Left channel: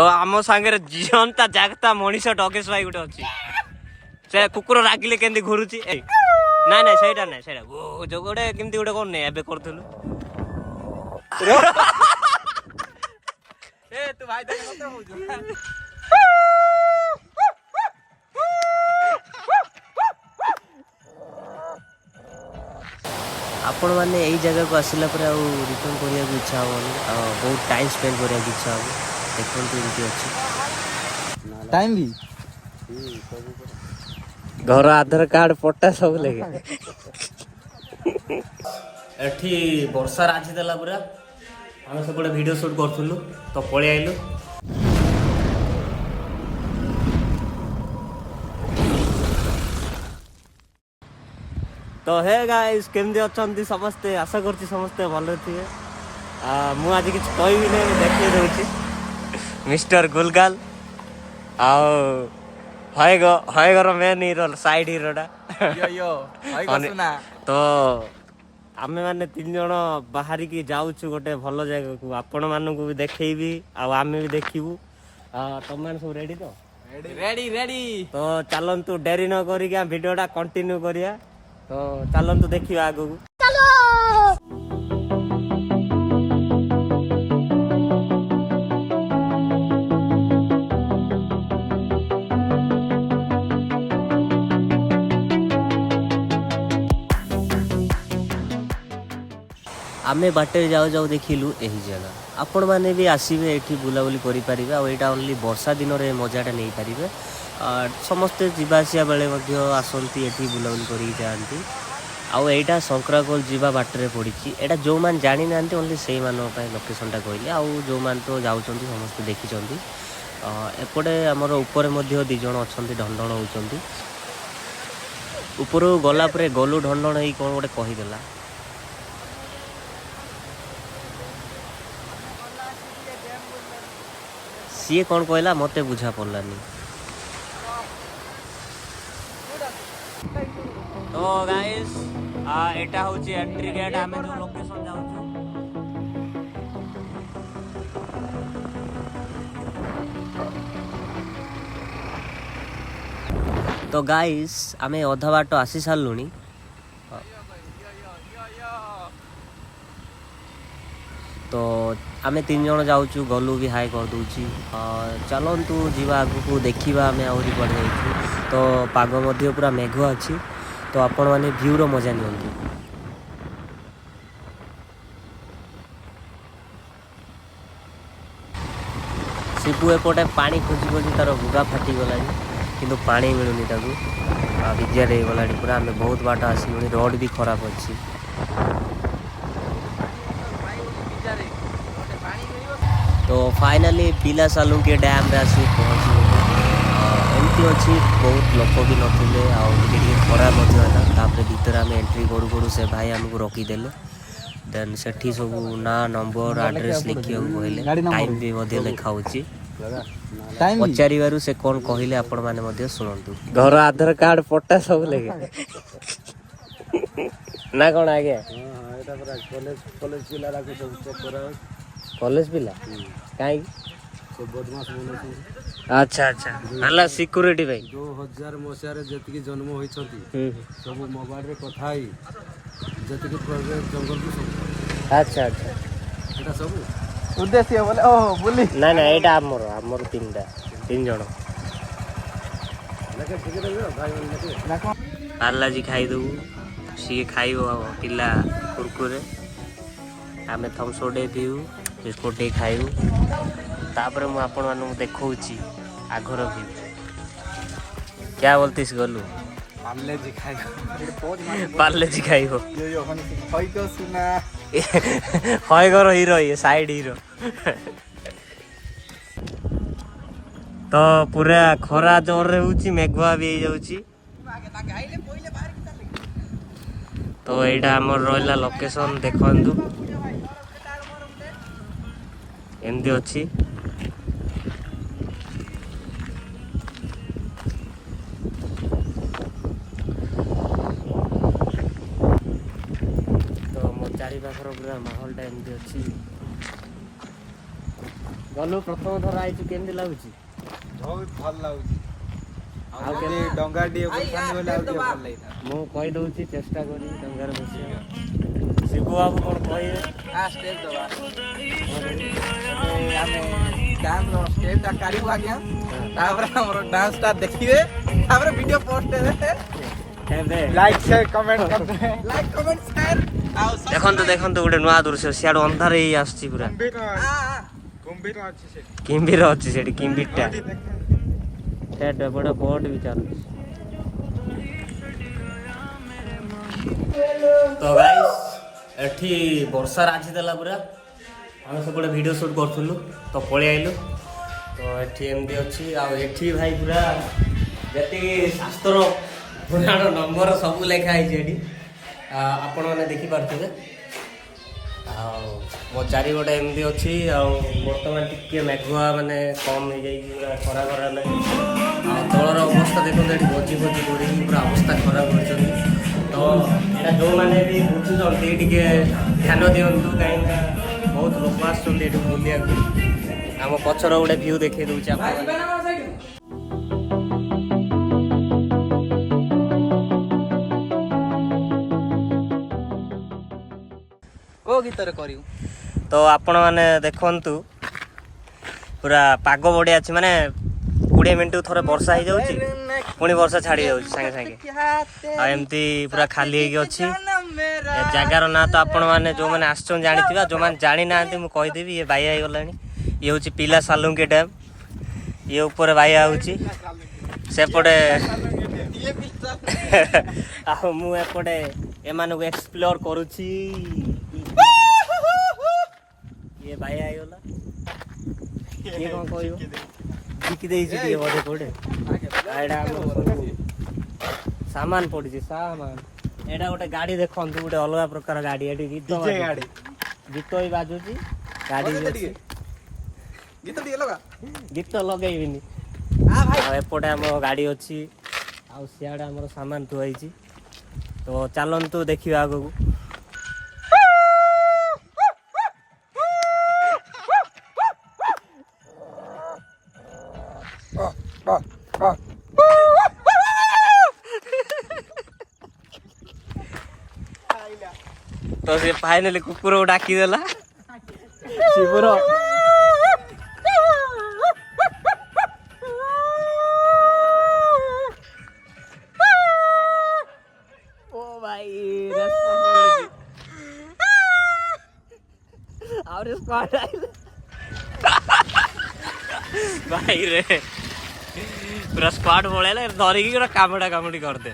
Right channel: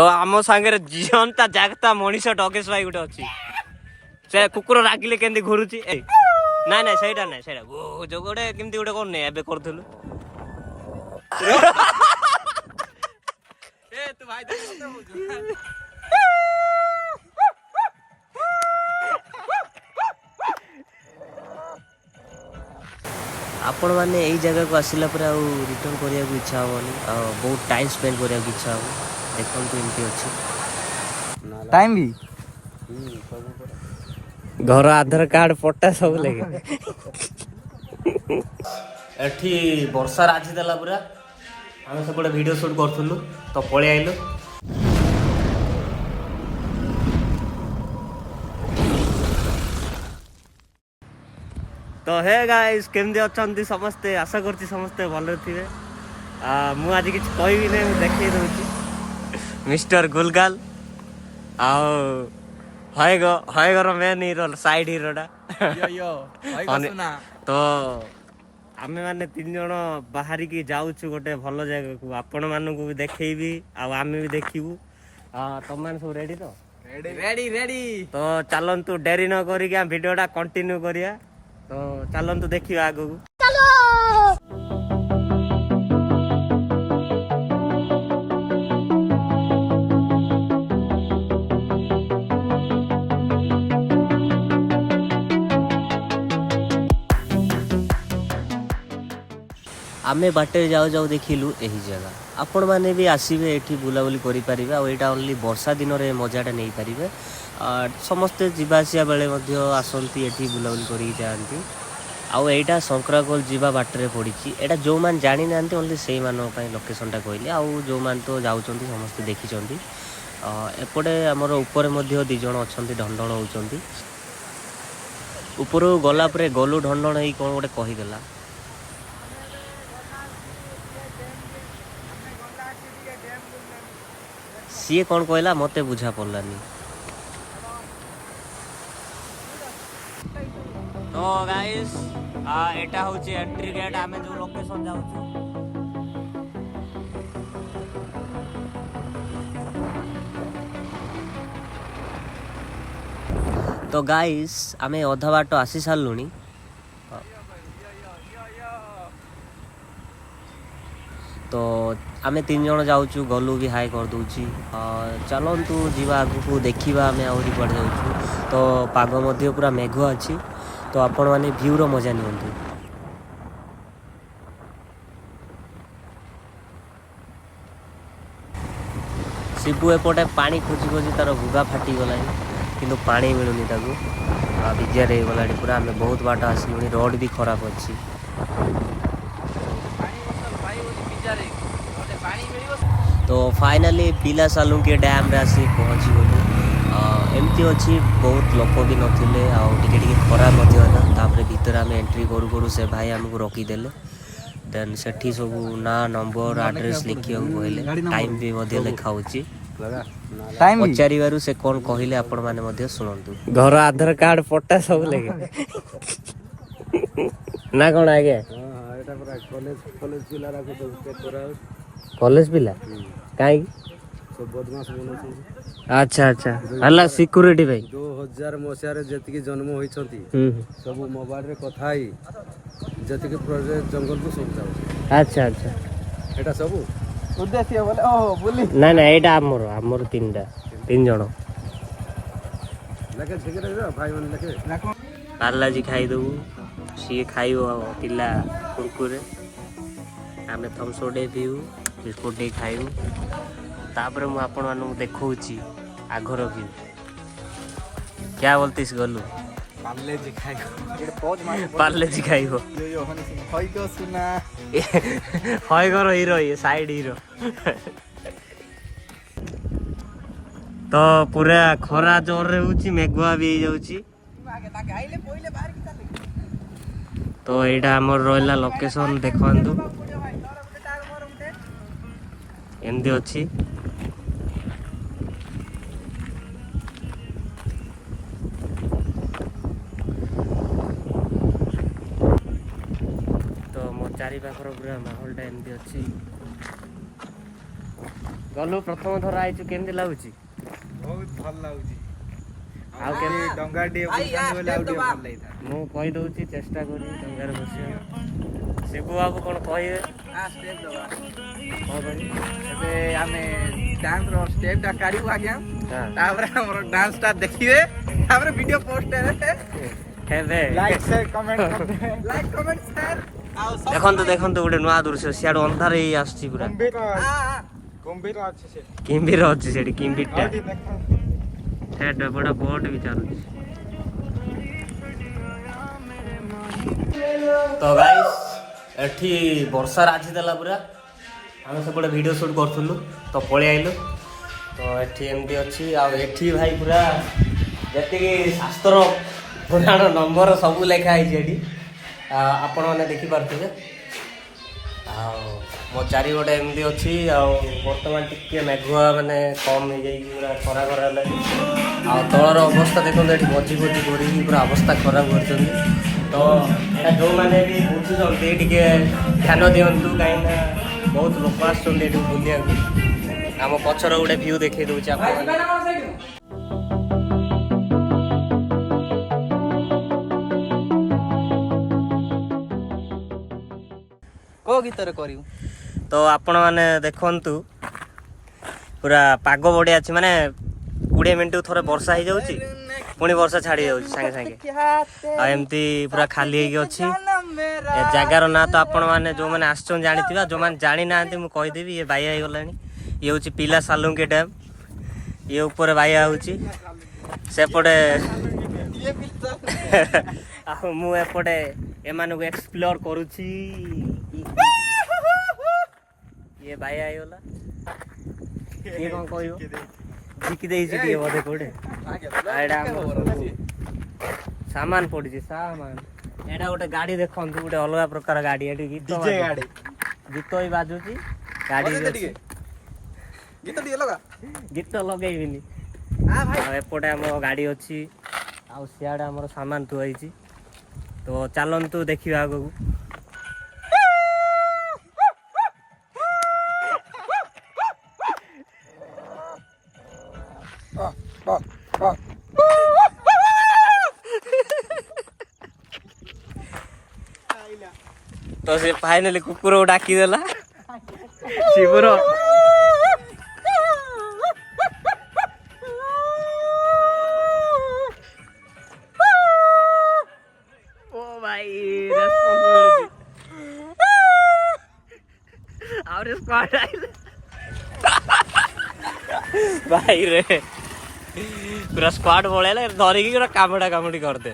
तो आम सांगे जीवंता जागता मनीष टकेश भाई गोटे अच्छी से कुकुर रागिले केमती घुरुची ना ना सहीटा ना सहीटा जो गोटे केमती गोटे कौन नहीं एबे करथुलु ए तू भाई आपण मैंने यही जगह को आसला रिटर्न करने को इच्छा हेनी बहुत टाइम स्पेंड करने को इच्छा हम देखो एमती अच्छी टाइम भी घर आधार कार्ड फोटो सब एठी वर्षा राजी देला पूरा आम सब वीडियो शूट करूँ तो पलि आइलु तो हे गाइस केमती अच्छा समस्ते आशा करती समस्ते भले थे मु आज किसी कहबी ना देखे दूसरी मिस्टर गुलगाल आगर मेन हिरो साइड हिरोटा तो आम मैंने 3 जन बाहर की जाऊँ गोटे भल जगह को आपण मानक भी देखी आम भी देखू तुम मैंने सब रेडी तो रेडी रेडी तो चलतु डेरी न करिया वीडियोटा कंटिन्यू करिया तो चलतु देखिए आगू आमे बाटे जाऊ जाऊ देखिलु यही जगह आपण माने भी आसीबे एठी बुलाबुली करि परिबे आ एटा ओनली वर्षा दिन रे मजाटा नै परिबे समस्ते जीवासिया बेले मध्य आसंती एठी बुलाबुली करि जांती आउ एटा संक्राकोल जीवा बाटरे पड़ी एटा जो मान जानी नांती ओनली सेही मानो पय लोकेशनटा कहले आउ जो मान तो जाउचंती समस्ते देखिचंती एपटे हमर ऊपर मध्य 2 जण अछंती ढंढण होउचंती ऊपर गला परे गलु ढंढण हेई कोन गोटे कहि देला सीए कौन कहला मते बुझा पड़लानी तो गाइस एटा होची एंट्री गेट आमे जो लोकेशन जाउछु तो गाइस आमे अधा बाटो आसी सारलुनी तो आमे 3 जन जाऊँ गलु भी हाई कर दूची चलतु जीवा आगु को देखा आम आहरी पड़ जाऊँ तो पाग मध्य पूरा मेघुआ अच्छी तो आपण मैंने भ्यूर मजा नियंतु शिबू एपटे पानी खोजी खोजी तार भुगा फाटी गलानी किंतु पानी मिलूनी ताकू विजार हो गला पूरा आम बहुत बाट आसलुनी रोड भी खराब अच्छी तो फाइनाली पिला सालुंके डैम रे आसी पहुँची गलु एमती अच्छी बहुत लोक भी नथिले टे खरा तापर भीतर आम एंट्री करू करू से भाई आमको रखीदेले देन सेठी सब ना नंबर एड्रेस लिखा कहले टाइम भी लिखा पचार से कौन कहले आपण मैंने शुणु घर आधार कार्ड फोटो सब ना कौन आगे कॉलेज पिला कहीं बदमाश बन अच्छा अच्छा हला सिक्योरिटी भाई 2000 मसीह जी जन्म होती सब मोबाइल रे कथा जी जंगल को सब अच्छा अच्छा एटा सब उद्देश्य बोले ओ बोली ना ना एटा हमर 3 जण पार्ला जी खाई दबू सी खाइबो पिला कुरकुरे आमे थमसोडे पीऊ बिस्कुट टे खाइबू तापर मु आपण मानू देखौची आघर व्यू क्या बोलतीस गलु पार्ले जी खाइबो हई को सुना हय घर हीरो ये साइड हीरो तो पूरा खरा जोर रे होची मेघुआ भी जाउची तो एटा हमर रोइला लोकेशन देखंतु एमती अच्छी तो मो चारि पाखर पूरा माहौल एमती अच्छी ଗଲୁ ପ୍ରଥମ ଥର ଆଇଛୁ କେମିତି ଲାଗୁଛି? ବହୁତ ଭଲ ଲାଗୁଛି। ଆଉ କେମିତି ଡଙ୍ଗା ଟିକେ ବୁଲିଥାନ୍ତି ବୋଲେ ଆଉ ଟିକେ ଭଲ ଲାଗିଲା। ମୁଁ କହିଦଉଛି ଚେଷ୍ଟା କରି ଡଙ୍ଗାରେ ବସିବାକୁ। ଶିବୁ ବାବୁ କ'ଣ କହିବେ? କ'ଣ କରିବି? ଏବେ ଆମେ ଡ୍ୟାନ୍ସର ଷ୍ଟେପଟା କାଢ଼ିବୁ ଆଜ୍ଞା। ତାପରେ ଆମର ଡ୍ୟାନ୍ସଟା ଦେଖିବେ, ତାପରେ ଭିଡ଼ିଓ ପୋଷ୍ଟ ହେବେ। ହେବେ like share comment like comment share. ଦେଖନ୍ତୁ ଦେଖନ୍ତୁ ଗୋଟେ ନୂଆ ଦୃଶ୍ୟ ସିଆଡୁ ଅନ୍ଧାର ହେଇ ଆସୁଛି ପୁରା। କିମ୍ଭୀର ଅଛି ସେଠି କିମ୍ଭୀରଟା। ସେଟା ବଡ ବୋଟ ବି ଚାଲୁଛି। ତ ଗାଇସ୍ ଏଠି ବର୍ଷା ରାଜି ଦେଲା ପୁରା। ଆମେ ସେପଟେ ଭିଡ଼ିଓ ସୁଟ୍ କରୁଥିଲୁ ତ ପଳେଇ ଆଇଲୁ। ତ ଏଠି ଏମିତି ଅଛି ଆଉ ଏଠି ଭାଇ ପୁରା ଯେତିକି ଶାସ୍ତ୍ର ପୁରାଣ ନମ୍ବର ସବୁ ଲେଖା ହେଇଛି ଏଠି। ଆପଣମାନେ ଦେଖିପାରୁଥିବେ। ଆଉ ମୋ ଚାରିପଟେ ଏମିତି ଅଛି। ଆଉ ବର୍ତ୍ତମାନ ଟିକେ ମେଘୁଆ ମାନେ କମ୍ ହେଇଯାଇଛି ପୁରା ଖରା ଖରା ହେଲାଣି। ଆଉ ତଳର ଅବସ୍ଥା ଦେଖନ୍ତୁ ଏଠି ଭୋଜି କରିକି ପୁରା ଅବସ୍ଥା ଖରାପ କରିଛନ୍ତି। ତ ଏଇଟା ଯେଉଁମାନେ ବି ବୁଝୁଛନ୍ତି ଟିକେ ଧ୍ୟାନ ଦିଅନ୍ତୁ କାହିଁକିନା ବହୁତ ଲୋକ ଆସୁଛନ୍ତି ଏଠି ବୁଲିବାକୁ। ଆମ ପଛର ଗୋଟେ ଭ୍ୟୁ ଦେଖେଇ ଦେଉଛି ଆପଣମାନେ। ଗୀତରେ କରିବୁ ତ ଆପଣମାନେ ଦେଖନ୍ତୁ ପୁରା ପାଗ ବଢ଼ିଆ ଅଛି। ମାନେ 20 ମିନିଟ୍ ଥରେ ବର୍ଷା ହେଇଯାଉଛି ପୁଣି ବର୍ଷା ଛାଡ଼ି ଯାଉଛି ସାଙ୍ଗେ ସାଙ୍ଗେ। ଆଉ ଏମିତି ପୁରା ଖାଲି ହେଇକି ଅଛି। ଏ ଜାଗାର ନାଁ ତ ଆପଣମାନେ ଯେଉଁମାନେ ଆସିଛନ୍ତି ଜାଣିଥିବେ। ଯେଉଁମାନେ ଜାଣିନାହାନ୍ତି ମୁଁ କହିଦେବି। ଇଏ ବାଇଆ ହେଇଗଲାଣି। ଇଏ ହେଉଛି ପିଲା ସାଲୁଙ୍କି ଡ୍ୟାମ୍। ଇଏ ଉପରେ ବାଇଆ ହେଉଛି ସେପଟେ। ଆଉ ମୁଁ ଏପଟେ ଏମାନଙ୍କୁ ଏକ୍ସପ୍ଲୋର କରୁଛି। ଇଏ ବାଇଆ ହେଇଗଲା। କିଏ କ'ଣ କହିବ? ବିକି ଦେଇଛି ଟିକେ ବୋଧେ କୋଉଠି। ଏଇଟା ଆମର ସବୁ ସାମାନ ପଡ଼ିଛି ସାମାନ। ଏଇଟା ଗୋଟେ ଗାଡ଼ି ଦେଖନ୍ତୁ ଗୋଟେ ଅଲଗା ପ୍ରକାର ଗାଡ଼ି। ଏଠି ଗୀତ ବି ବାଜୁଛି ଗାଡ଼ି ବି ଅଛି। ଗୀତ ଲଗେଇବିନି। ଆଉ ଏପଟେ ଆମର ଗାଡ଼ି ଅଛି। ଆଉ ସିଆଡ଼େ ଆମର ସାମାନ ଥୁଆ ହେଇଛି। ତ ଚାଲନ୍ତୁ ଦେଖିବା ଆଗକୁ। ତ ସେ ଫାଇନାଲି କୁକୁରକୁ ଡାକିଦେଲା ଶିବୁର। ଓ ଭାଇ ରେସ୍ପନ୍ସ ମିଳୁଛି। ଆହୁରି ସ୍କ୍ୱାଡ୍ ଆଇଲେ ଭାଇ ରେ ପୁରା ସ୍କ୍ୱାଡ୍ ପଳେଇଲେ ଧରିକି ପୁରା କାମୁଡି କରିଦେ।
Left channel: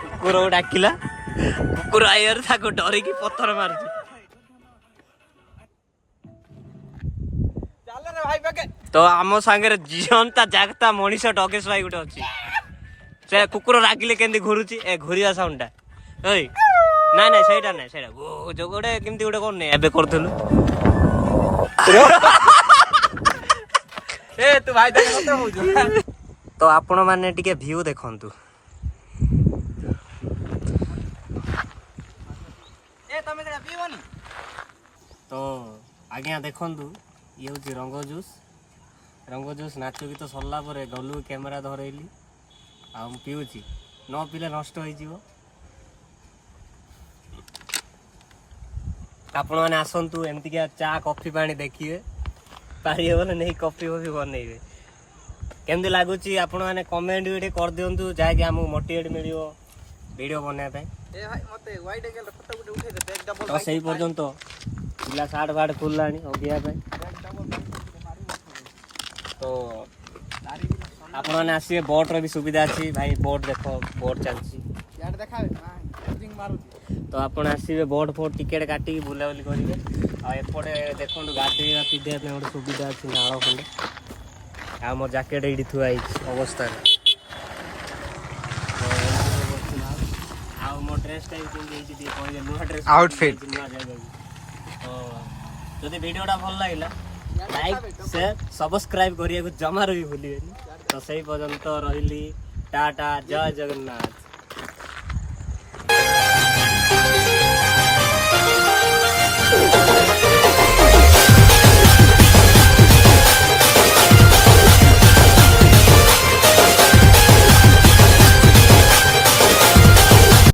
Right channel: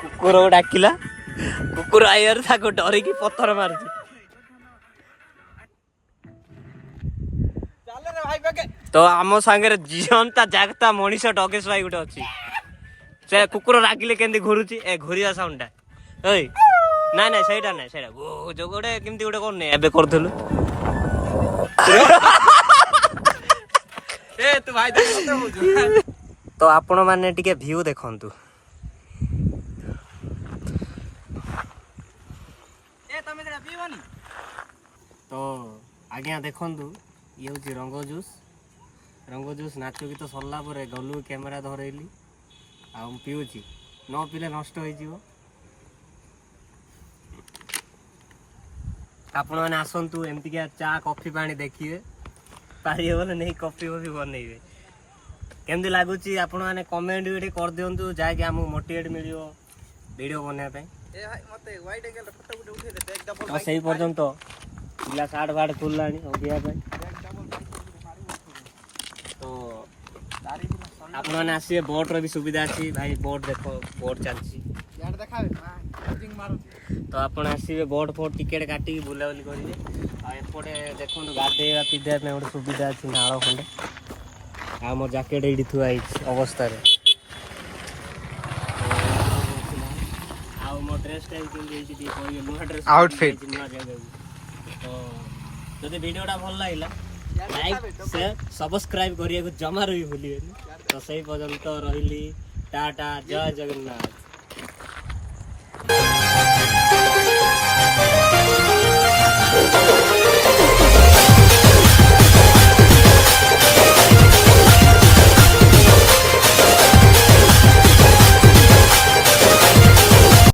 କୁକୁରକୁ ଡାକିଲା। କୁକୁର ଆଇବାରୁ ତାକୁ ଡରିକି ପଥର ମାରୁଛି। ତ ଆମ ସାଙ୍ଗରେ ଜିଅନ୍ତା ଜାଗତା ମଣିଷ ଡଗେଶ ଭାଇ ଗୋଟେ ଅଛି। ସେ କୁକୁର ରାଗିଲେ କେମିତି ଘୁରୁଛି ଏ ଘୁରିବା ସାଉଣ୍ଡଟା। ଏଇ ନାଇଁ ସେଇଟା ନାଇଁ ସେଇଟା ଯୋଉ ଗୋଟେ କେମିତି ଗୋଟେ କରୁନି ଏବେ କରୁଥିଲୁ। ତ ଆପଣ ମାନେ ଟିକେ ଭ୍ୟୁ ଦେଖନ୍ତୁ। ତ ଆଜ୍ଞା ଦେଖନ୍ତୁ ଇଏ ହେଉଛି ରଙ୍ଗ ଜୁସ୍ ନାଚ ଗୀତ ସରିଲା ପରେ ଗଲୁ କ୍ୟାମେରା ଧରେଇଲି। ଆଉ ମୁଁ ପିଉଛି। ନ ପିଇଲେ ନଷ୍ଟ ହେଇଯିବ। ଆପଣମାନେ ଆସନ୍ତୁ ଏମିତିକା ଚା କଫି ପାଣି ଦେଖିବେ। ପାରିବେ ବୋଲେ ନେଇ କଫି ବନେଇବେ। କେମିତି ଲାଗୁଛି ଆପଣମାନେ କମେଣ୍ଟ ବି ଟିକେ କରିଦିଅନ୍ତୁ ଯାହାକି ଆମକୁ ମୋଟିଭେଟ୍ ମିଳିବ ଭିଡ଼ିଓ ବନେଇବା ପାଇଁ। ତ ସେଇ ପର୍ଯ୍ୟନ୍ତ ପିଲା ସାର୍ଟ ଫାର୍ଟ ଖୋଲିଲାଣି ହଗିବା ପାଇଁ। ତ ଆପଣମାନେ ଆସିବେ। ବୋଟ୍ର ବି ସୁବିଧା ଅଛି ଭାଇ। ବୋଟ୍ ଦେଖ ବୋଟ୍ ଚାଲିଛି। ତ ଆପଣ ଆସିବେ ବୋଟ୍ ଟିକେଟ୍ କାଟିକି ବୁଲାବୁଲି କରିବେ। ଆଉ ଏପଟେ ଦେଖନ୍ତୁ ଗାଧେଇବା ପିନ୍ଧିବା ପାଇଁ ଗୋଟେ ସୁବିଧା ଅଛି ନାଳ ଖଣ୍ଡେ। ଆଉ ମୋ ଜ୍ୟାକେଟ୍ ଏଇଠି ଥୁଆ ହେଇଛି ଅବସ୍ଥାରେ। ଆଉ ମୋ ଡ୍ରେସ୍ଟା ବି ପିନ୍ଧିଯାଇଛି ଟିକେ କହିଲେ ନୂଆ ଡ୍ରେସ୍ ଆଉଟଫିଟ୍ ନୂଆ ଜାଗାକୁ। ତ ଯଦି ଭିଡ଼ିଓଟା ଭଲ ଲାଗିଲା ଲାଇକ୍ ସେୟାର ସବସ୍କ୍ରାଇବ୍ କରିବାକୁ ଜମାରୁ ବି ଭୁଲିବେନି। तो सेई पर्यंत रहिली टाटा जय जगन्नाथ।